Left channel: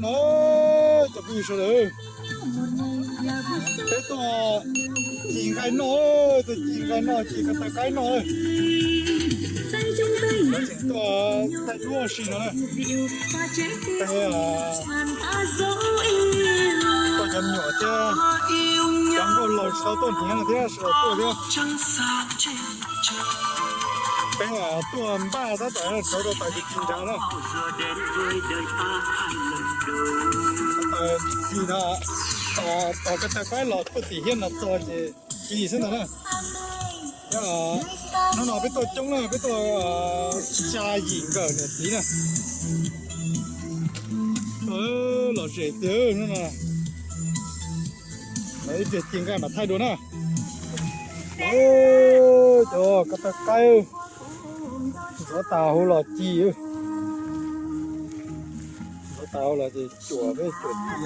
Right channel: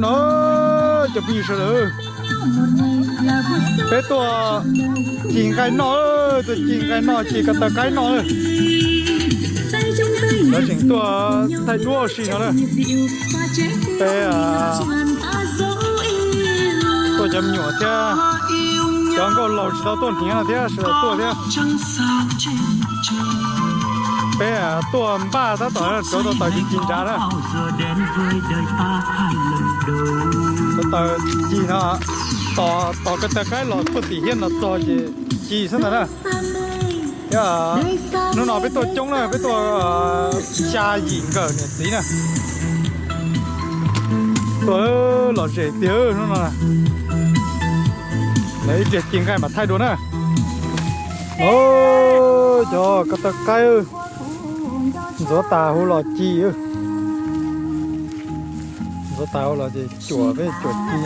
nóจะbị sợ thế tôi chỉ cái nó chỉ cái tờ cái nó nó chỉnh tôi thay tôi sự đó thế tôi chấm nhỏ cha cho con lòng sao tôi nhớ thế là tôi nhé bé à tôi ba tháng tuổi cho nó tới chín trả đó tôi gì đó tỏ cái tờ cái nó có gì nó tỏ gì sao đó nó nói với tôi chống lại với tôi cha gì cờ tí nè tôi là trẻ tiếng nó mà lấy việc triển khai mà thay đổi đó cho cái tờ cái gió tàu nó chi đó gió tàu là gì chùa với chùa chi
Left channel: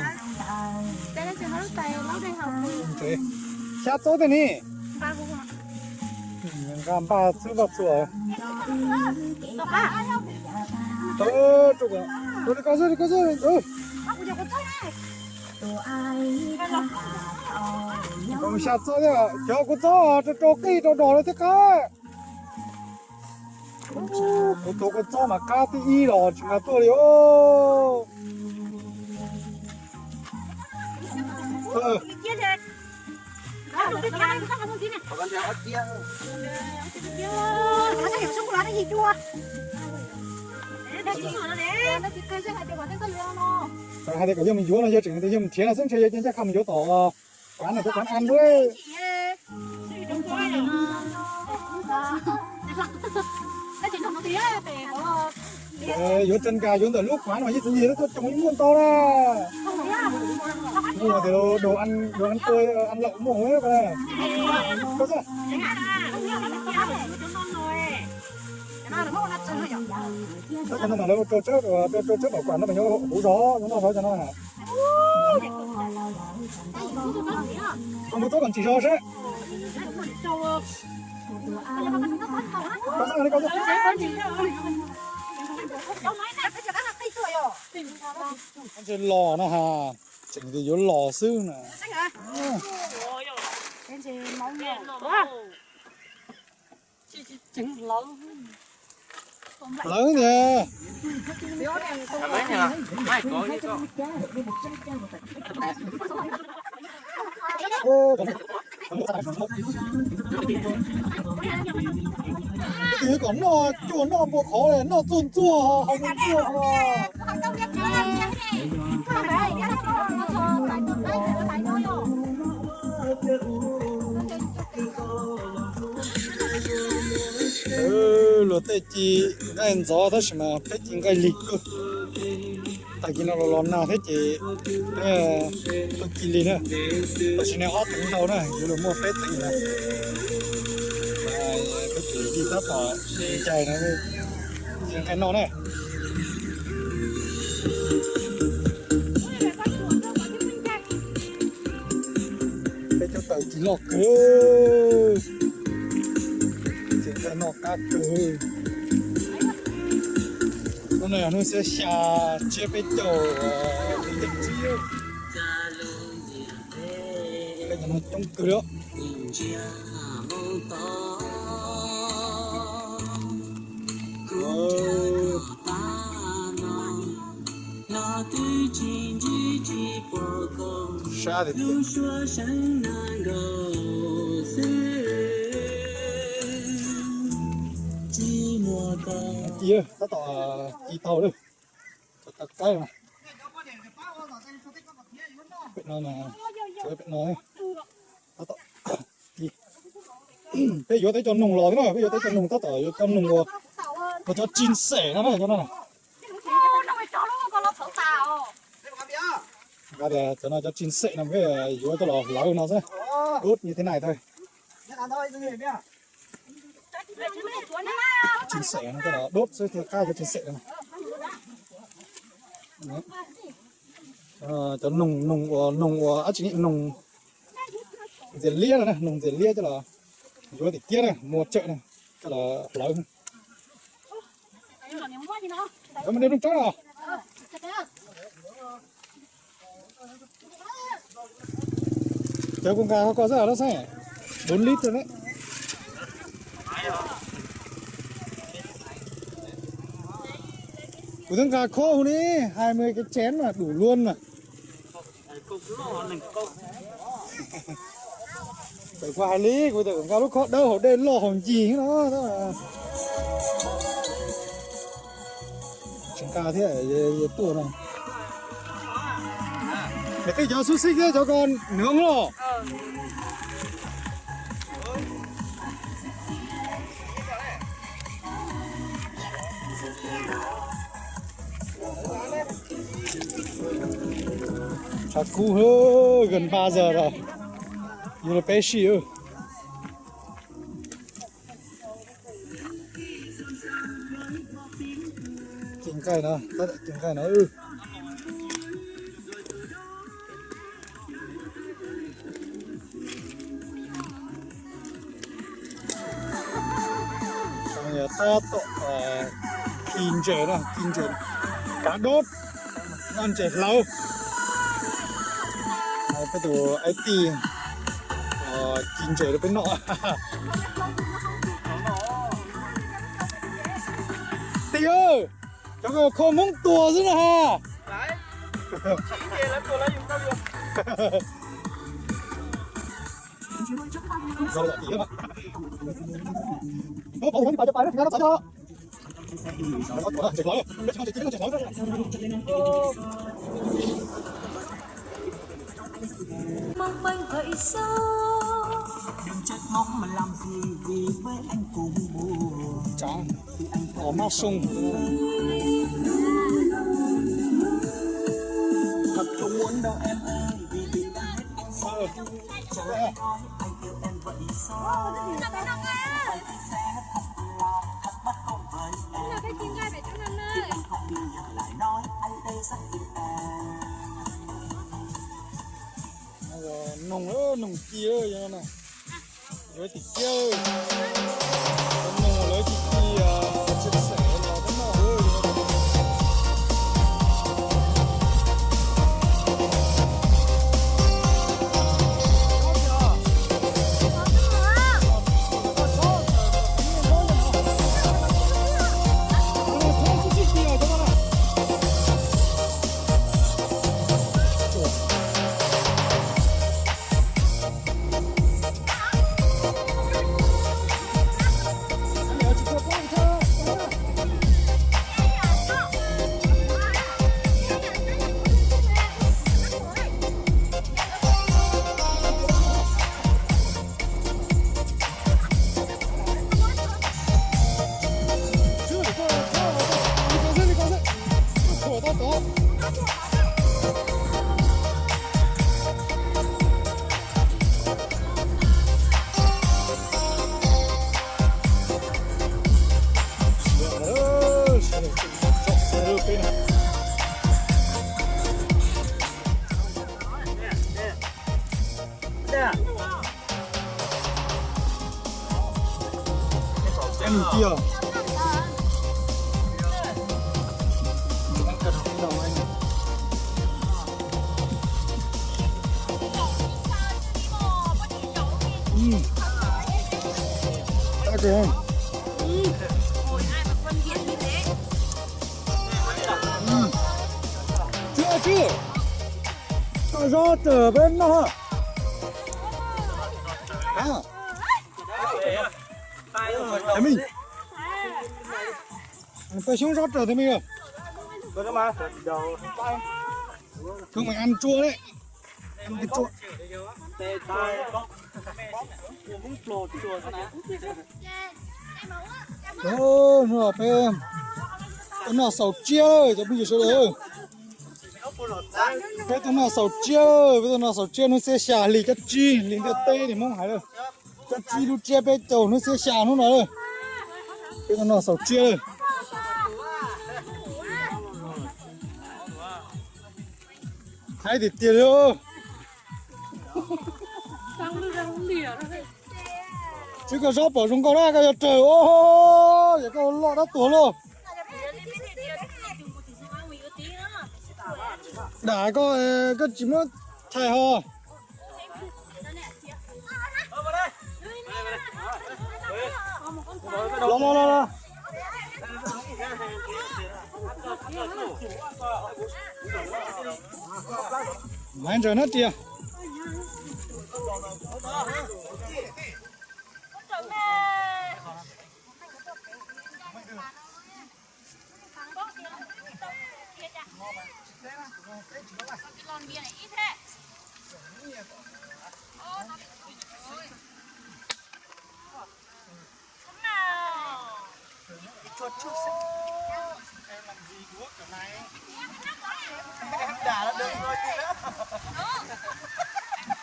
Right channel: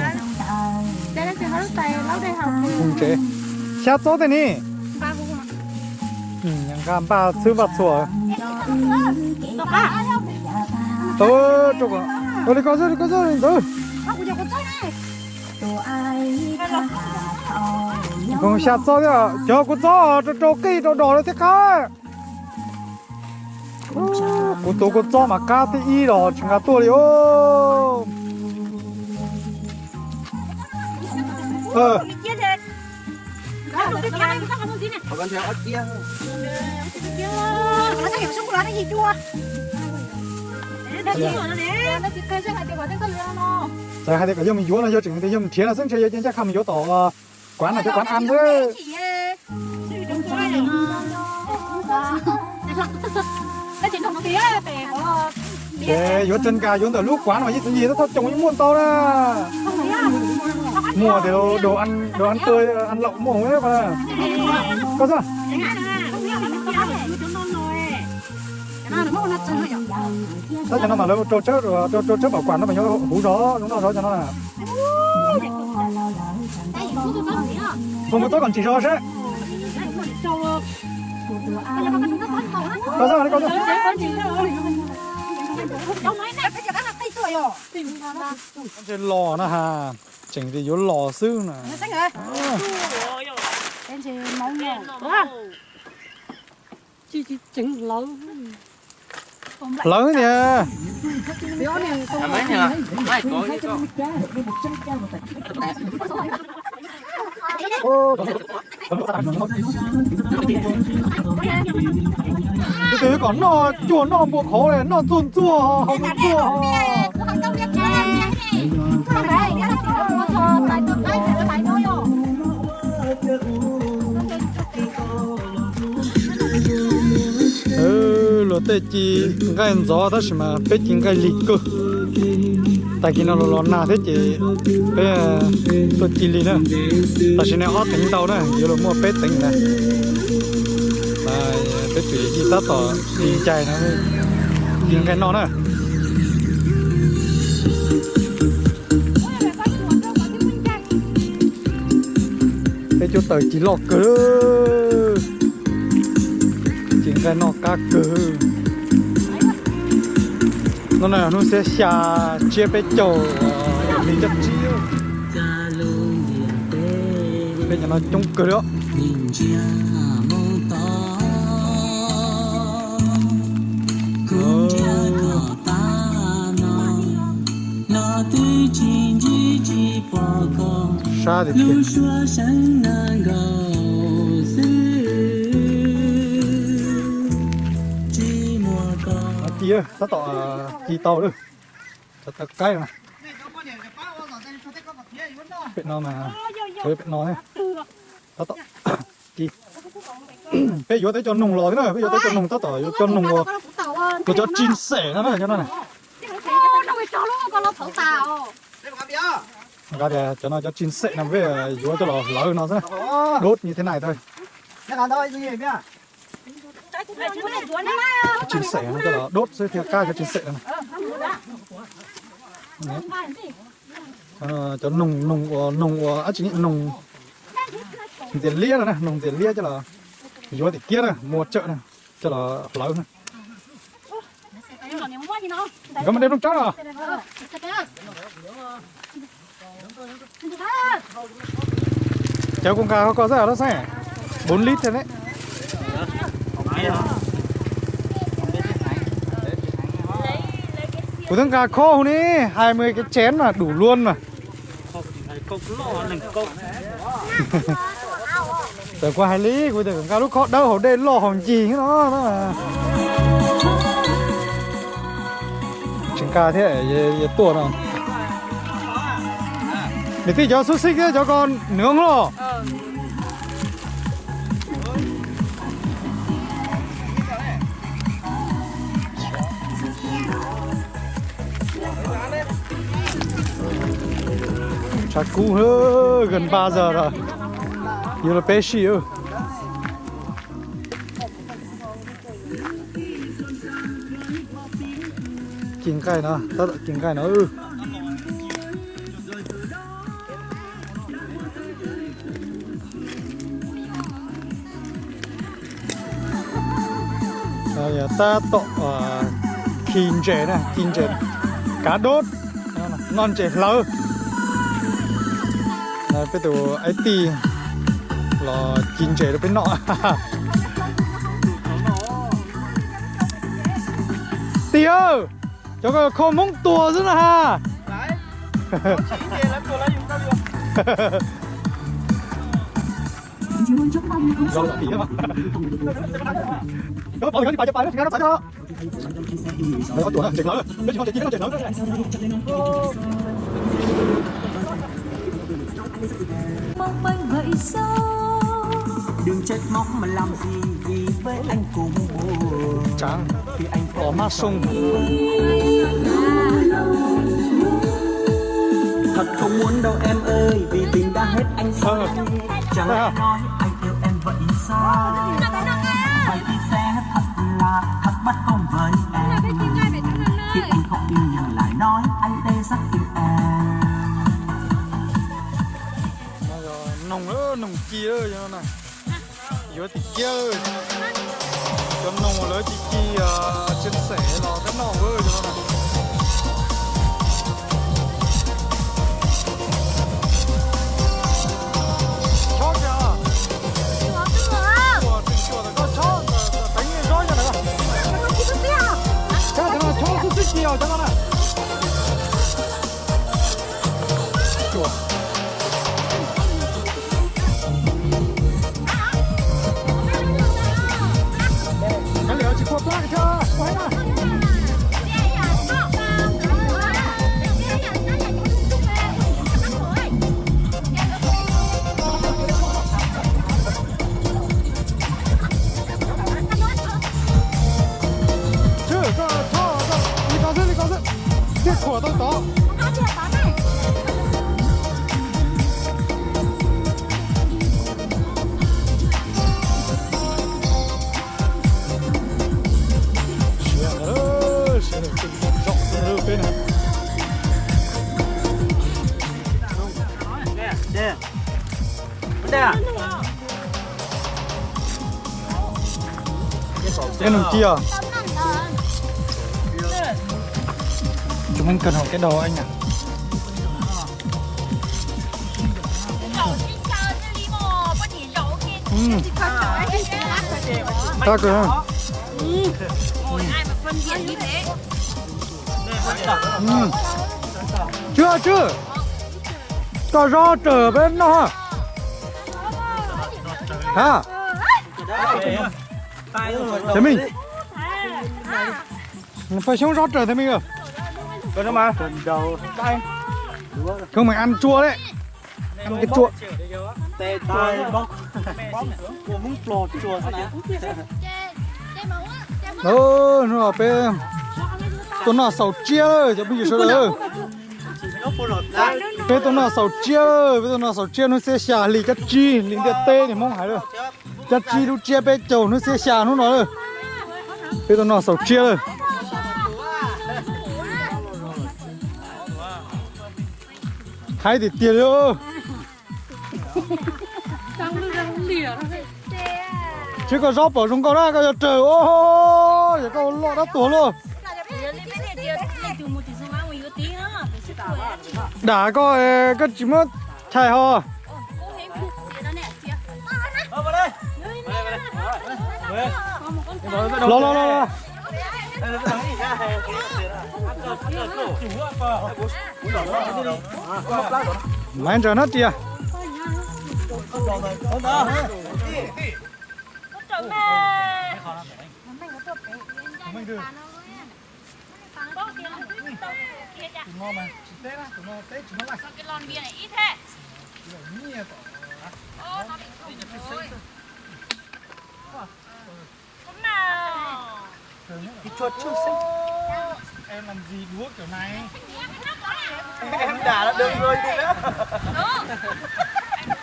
đây là trường lớp tay lâu đây học không chế sao tốt thế nhỉ ba cũng gặp ba thứ bạc sủa đọc à chụp tôi đi có gì đó học giờ có chơi này còn sắp rồi à cho con chó cho cây đồ nó thế khác con chó mà cá thế ý rồi chúng ta tôi đi chia thế nó cái này nó không gì này còn theo ớt kia nó sẽ hiểu xong rồi nó gì chua nó chỉ nó đấy nó chỉ cây sẽ hay để vào cái cái lưỡi nó tại hai cái mình vô là vô chừng cái mình chia là sinh chơi chắc không vô tổ quán là cái quán ăn đó nó chỉ không tía về có vô chân cà vô từ lúc quán mà cái gì nó có trồng mua to không tía mua thì đồ ăn tươi ăn lọc mỏng ấy mà có sao chẳng hạn là không biết là nó tía để cho non rồi nó là nó chơi rồi đó cho nó mà nó trâu chết rồi trâu chết bảo quản nó mà nó bún đó đúng rồi đó cho nó là không có tốt còn chỉ cho nó chết có sao chỉnh thì vốn lò xương nè em chỉ mong nhiều chị chỉnh lớn lớn nha mấy nhờ hai có gì có cái đấy còn nó chua nó buộc khổ này nó chua chua tê chi cái gió đó là tê chi cái gì cơ tại khi nó nà tê chi tê tê chi này tại khi nó có tính tao đó giờ mua tê tính này tê chi ta tổ đi chạy cái nó nè tê cho tới chỉ lọt cơ chỉ cái nó cá cơ nó là nó sẽ xả chia bé trâu bây giờ nó trông cơ đó xa thì kia nó to kỳ to nữa thật cái màเป็ดนอนมาเป็ดนอนนะต่อกี่เป็ดอยู่ได้จนนงเลยนะเป็ดจนนงต่อจนนงตัวจนจิ้มเสะนะใช่ไหมก็จะจะน่าจะจิ้มเสะนะเว้ยอยู่ตัวเราเราซะรถนี่ที่ไหนได้จิ้มเสะจะรถเสื้อเทียบก้าจะจิ้มเสะcho nồng chỉ nồng diệt lia này nồng diệt lia cho là vô thì kia này mua chợ này cho là lớn này Có một đêm trong chó à? Cháu cũng có giá đó xe 4 lít thôi đấy. Của thằng cá khô đi 20 cái chén mà đủ luôn mà. Câu cứ lo nè câu. Tại qua 2 lý của thằng cá lúc khó đau hồn đây lo hòn gì cái đó mà. Chừng cá thế vậy tuột không? Để tí cho xúc xích ấy cho con nướng nó. Chắc cũng gần 3 giờ rồi. Giờ là bé xì á. Kiếm cái nó, tao kiếm cái nó. Rồi ta tọt kim chè này, kim chè. Cá đốt, ngon chè lắm. Là cái tủ ấy tì là kim chè nó bên nọ. Tì ơi, cho con không mong tùa nữa ha. Đấy. Chỉ về lấy tôi lấy dùng đâu được. Mong manh vậy sao đừng trách móc mà làm gì vì với anh cùng Chẳng thì anh có mát sông. thật không muốn đâu em ơi vì tình đã hết anh say chẳng lẽ nói anh yêu em vậy sao vậy thì sẽ thật là thật bất công với em khi anh không yêu nhưng lại nói anh đây rất yêu em. Nồng ơ, nồng kia ơ này. Yếu thì kia cái nồng kia. Chúng mình cần học cái đồ anh nhỉ? Tốt rồi hả? Ôi, ai mà phân biệt như thế? Chưa Có rõ trở bên đó hả? Thế mình phải sống rõ trở thế mình rồi. Có đâu mà. Đầu tay. Cứ mày ăn chua đấy. Cái chua. Tê tay bóc. Của muốn plột chua thế nào? Nó ở bên tôi nó sầu chia cho bây giờ Nó phô lột ra. tôi nó sầu chia nó sẽ xả lì cắt chi lì cắt tê này mong hả rồi cắt chi nó chia bên chầu nó sẽ xả nó nói tôi nó sầu chia hay thì tiền nữa Răng lìa thôi. chứ còn gió ở trong con đó trời ơi con nó tổ nữa đã có cái chỉ mất chạy ho vào đây lông lấy cho nó tia cái chuột chưa xinh em làm gì đuối kiểu này em đả là được rồi đi đó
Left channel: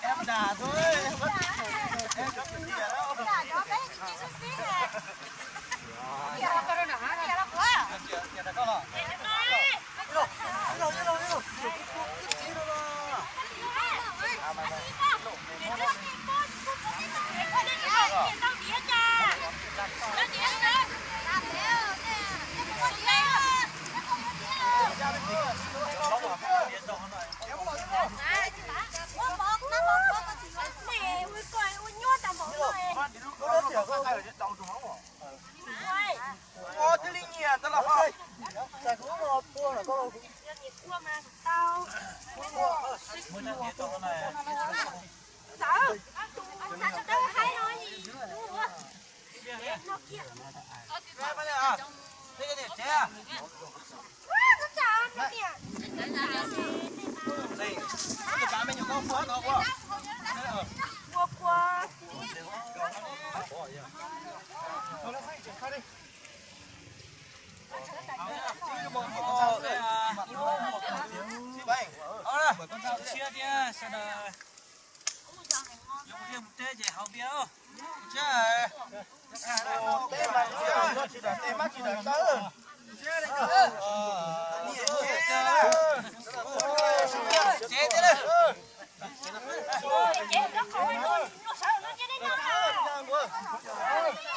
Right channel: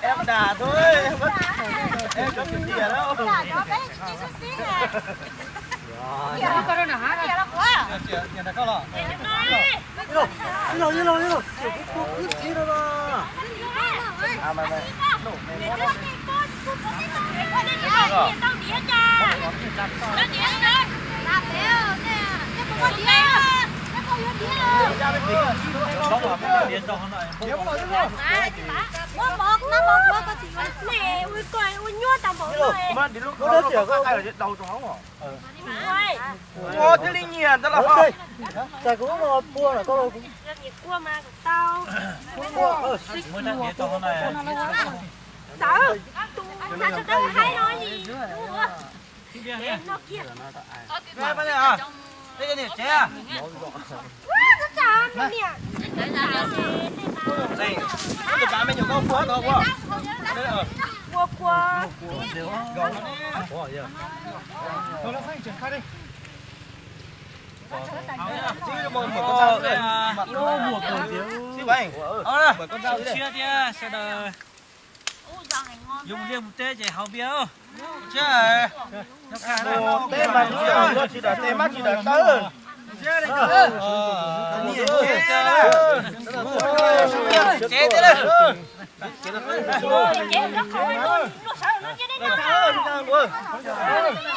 em đả thôi em có chuyện gì ở đâu Ô, thế linh nhiệt đó là không? Chả cũng một cua là có đâu cũng. Cua mà tao. Sợ. Anh ta cho tao hay nói gì? Nó kia. Nghe bao nhiêu à? Đây cái này chế à? Rất chào nó nè. Đây, cái cá mấy nhiều con quá to quá. Cua cua. Thôi nó sang triển khai đi. chia đi sẽ đờ dùng riêng một tê để hậu biếu Chứ tê mà chỉ đợi tê mắt chỉ đợi tới. Chế thế đây. Chế nó khỏi luôn. Nó sợ nó chứ đấy nó.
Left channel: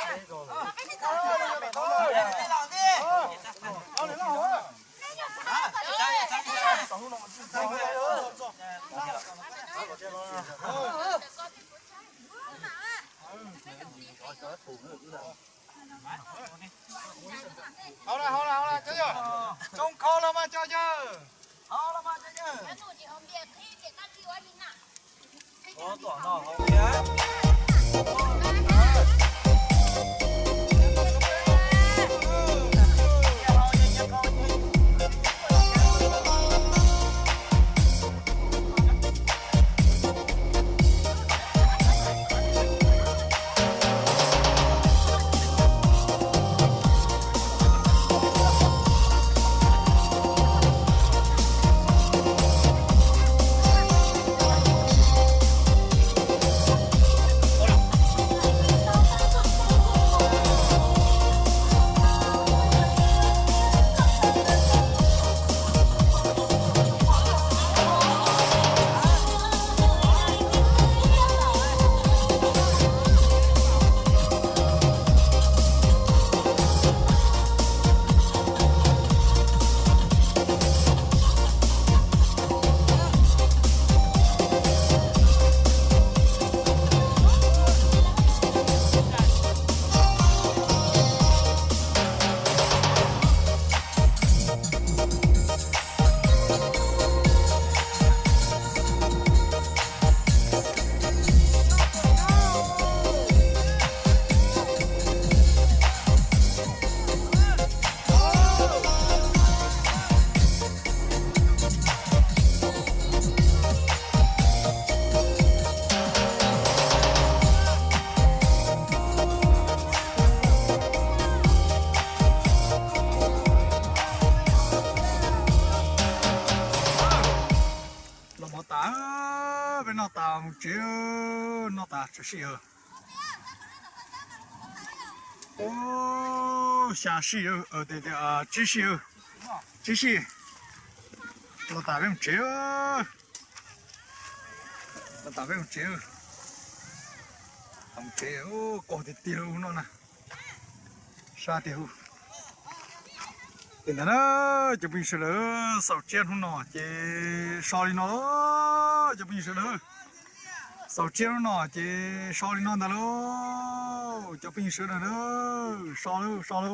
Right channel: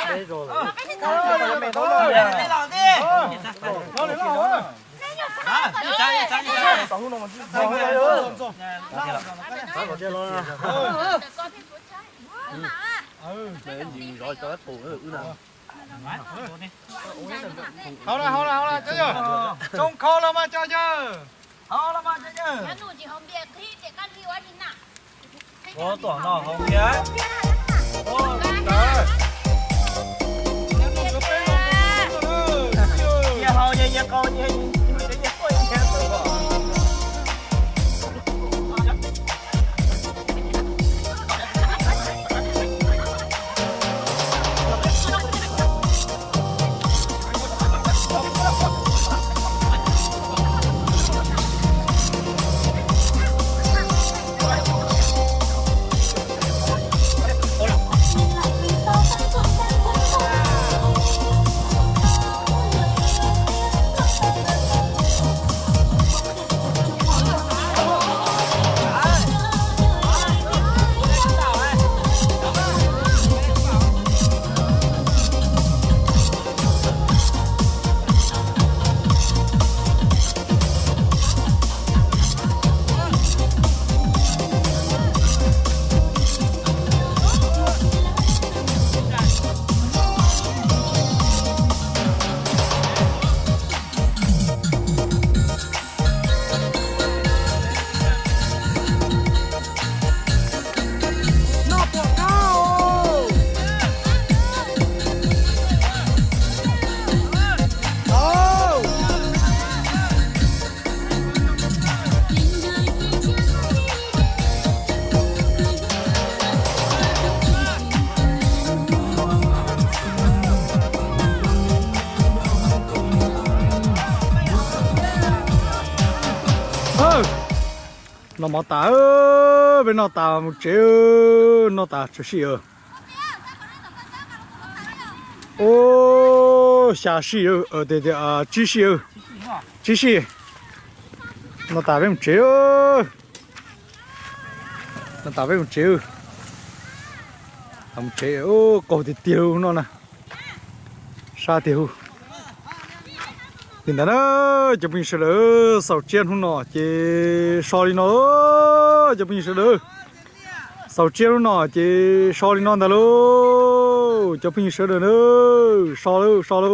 Đây rồi. Mẹ nó rồi. Đây là đi. Nó lấy nó. Hầu là chơi chưa? Trông kho là mà chơi chưa? Hầu là mà chơi chưa? có tưởng nó không biết nó mà tả bên nó tả một chế nó tả chút xíu ô xả xíu ở đây đây à chỉ xíu nó tả bên một chế nó tả bên một chế một chế ô cổ thì tiêu nó nè xa tiêu thì đó cho mình sẽ đỡ sầu chiên không nọ chỉ so đi nó cho mình sẽ đỡ sầu chiên không nọ chỉ so đi nó đó luôn cho mình sẽ đỡ nữa so đâu